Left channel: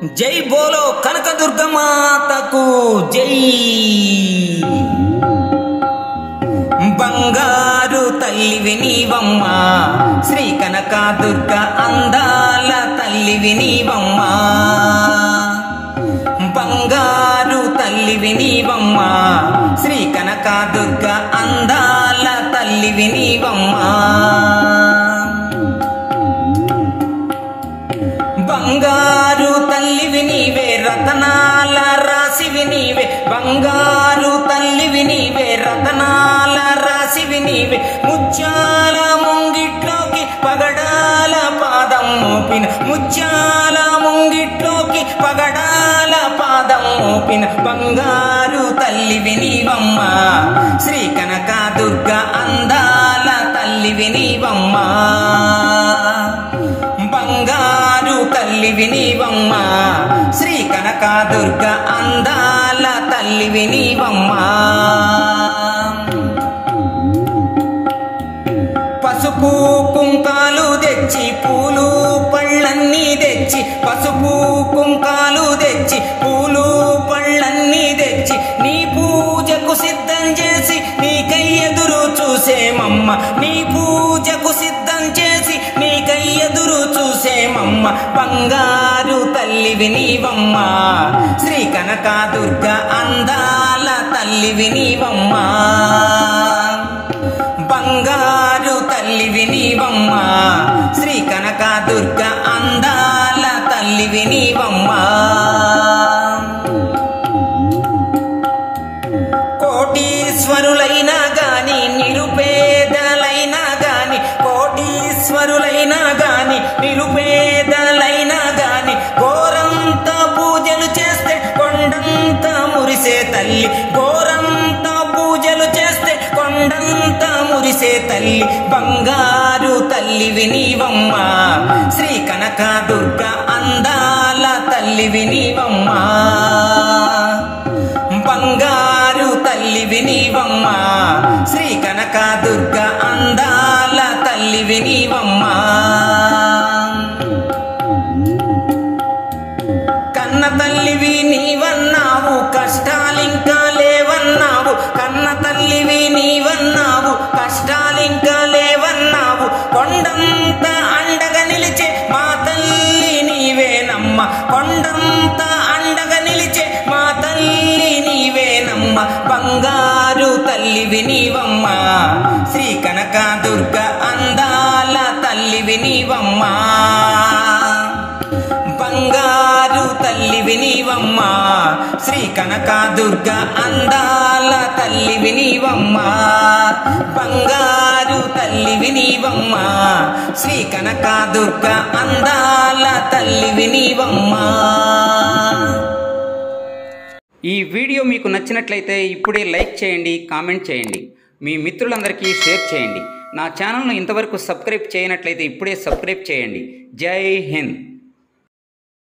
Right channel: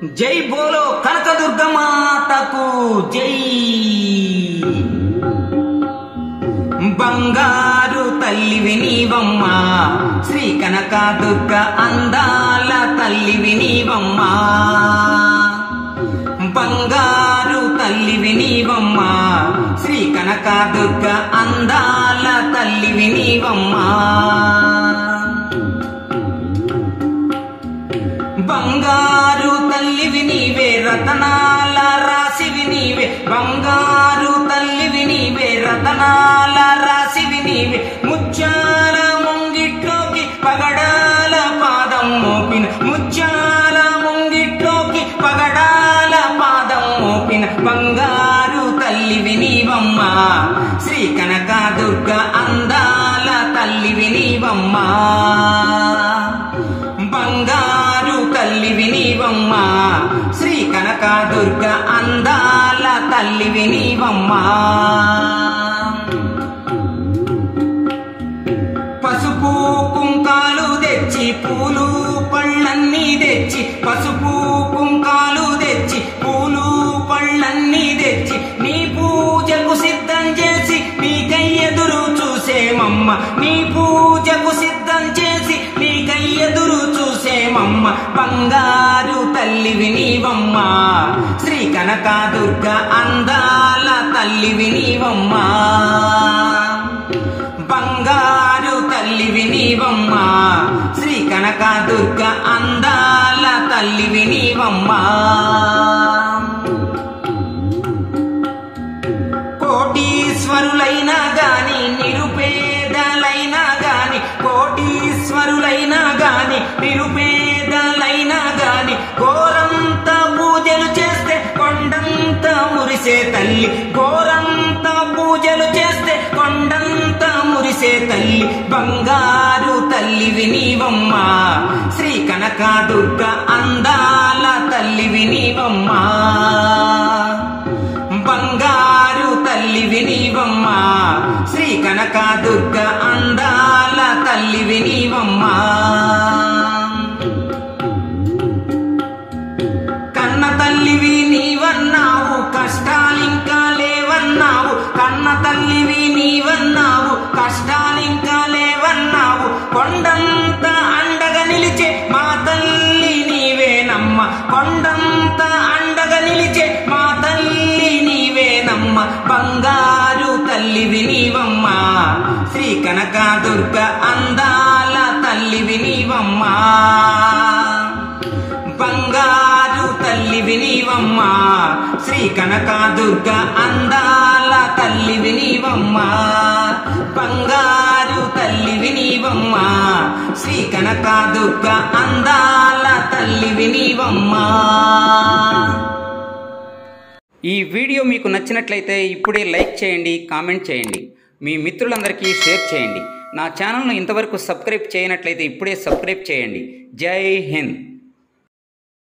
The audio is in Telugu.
జై బోలో కనకదుర్గ మాతకు జై. బంగారు తల్లివి నీవమ్మ శ్రీ కనకదుర్గ అందాల తల్లివి నీవమ్మ. బంగారు తల్లివి నీవమ్మ శ్రీ కనకదుర్గ అందాల తల్లివి నీవమ్మ. బంగారు తల్లివి నీవే రతనాల రాశివి నీవే. బంగారు తల్లివి నీవే రతనాల రాశివి నీవే. ముత్యాల ముంగిట్లోకి పగడాల పాదం మోపిన. ముత్యాల ముంగిట్లోకి పగడాల పాదం మోపిన బంగారు తల్లివి నీవమ్మ శ్రీ కనకదుర్గ అందాల తల్లివి నీవమ్మ. బంగారు తల్లివి నీవమ్మ శ్రీ కనకదుర్గ అందాల తల్లివి నీవమ్మ. పసుపు కుంకాలు తెచ్చి పూలు పళ్ళన్నీ తెచ్చి. పసుపు కుంకాలు తెచ్చి పూలు పళ్ళన్నీ తెచ్చి నీ పూజకు సిద్ధం చేసి నీకై ఎదురు చూసేమమ్మ. నీ పూజకు సిద్ధం చేసి నీకై ఎదురు చూసేమమ్మ. బంగారు తల్లివి నీవమ్మ శ్రీ కనకదుర్గ అందాల తల్లివి నీవమ్మ. బంగారు తల్లివి నీవమ్మ శ్రీ కనకదుర్గ అందాల తల్లివి నీవమ్మ. కోటీశ్వరులైనా గాని నిరుపేదలైనా గాని. కోటీశ్వరులైనా గాని నిరుపేదలైనా గాని. గోరంత పూజలు చేస్తే కొండంత మురిసే తల్లి. గోరంత పూజలు చేస్తే కొండంత మురిసే తల్లి. బంగారు తల్లివి నీవమ్మ శ్రీ కనకదుర్గ అందాల తల్లివి నీవమ్మ. బంగారు తల్లివి నీవమ్మ శ్రీ కనకదుర్గ అందాల తల్లివి నీవమ్మ. కన్న తల్లివి నీవన్నావు కష్టాలింకా లేవన్నావు. కన్న తల్లివి నీవన్నావు కష్టాలింకా లేవన్నావు. కొండంత అండగా నిలిచే మా తల్లి నీవేనమ్మ. కొండంత అండగా నిలిచే మా తల్లి నీవేనమ్మ. బంగారు తల్లివి నీవమ్మ శ్రీ కనకదుర్గ అందాల తల్లివి నీవమ్మ. బంగారు తల్లివి నీవమ్మ శ్రీ కనకదుర్గ అందాల తల్లివి నీవమ్మ. బంగారు తల్లివి నీవమ్మ శ్రీ కనకదుర్గ అందాల తల్లివి నీవమ్మ. ఈ వీడియో మీకు నచ్చినట్లయితే ఇప్పుడే లైక్ చేయండి, కామెంట్ చేయండి, మీ మిత్రులందరికీ షేర్ చేయండి. నా ఛానల్ను ఇంతవరకు సబ్స్క్రైబ్ చేయనట్లయితే ఇప్పుడే సబ్స్క్రైబ్ చేయండి. జై హింద్.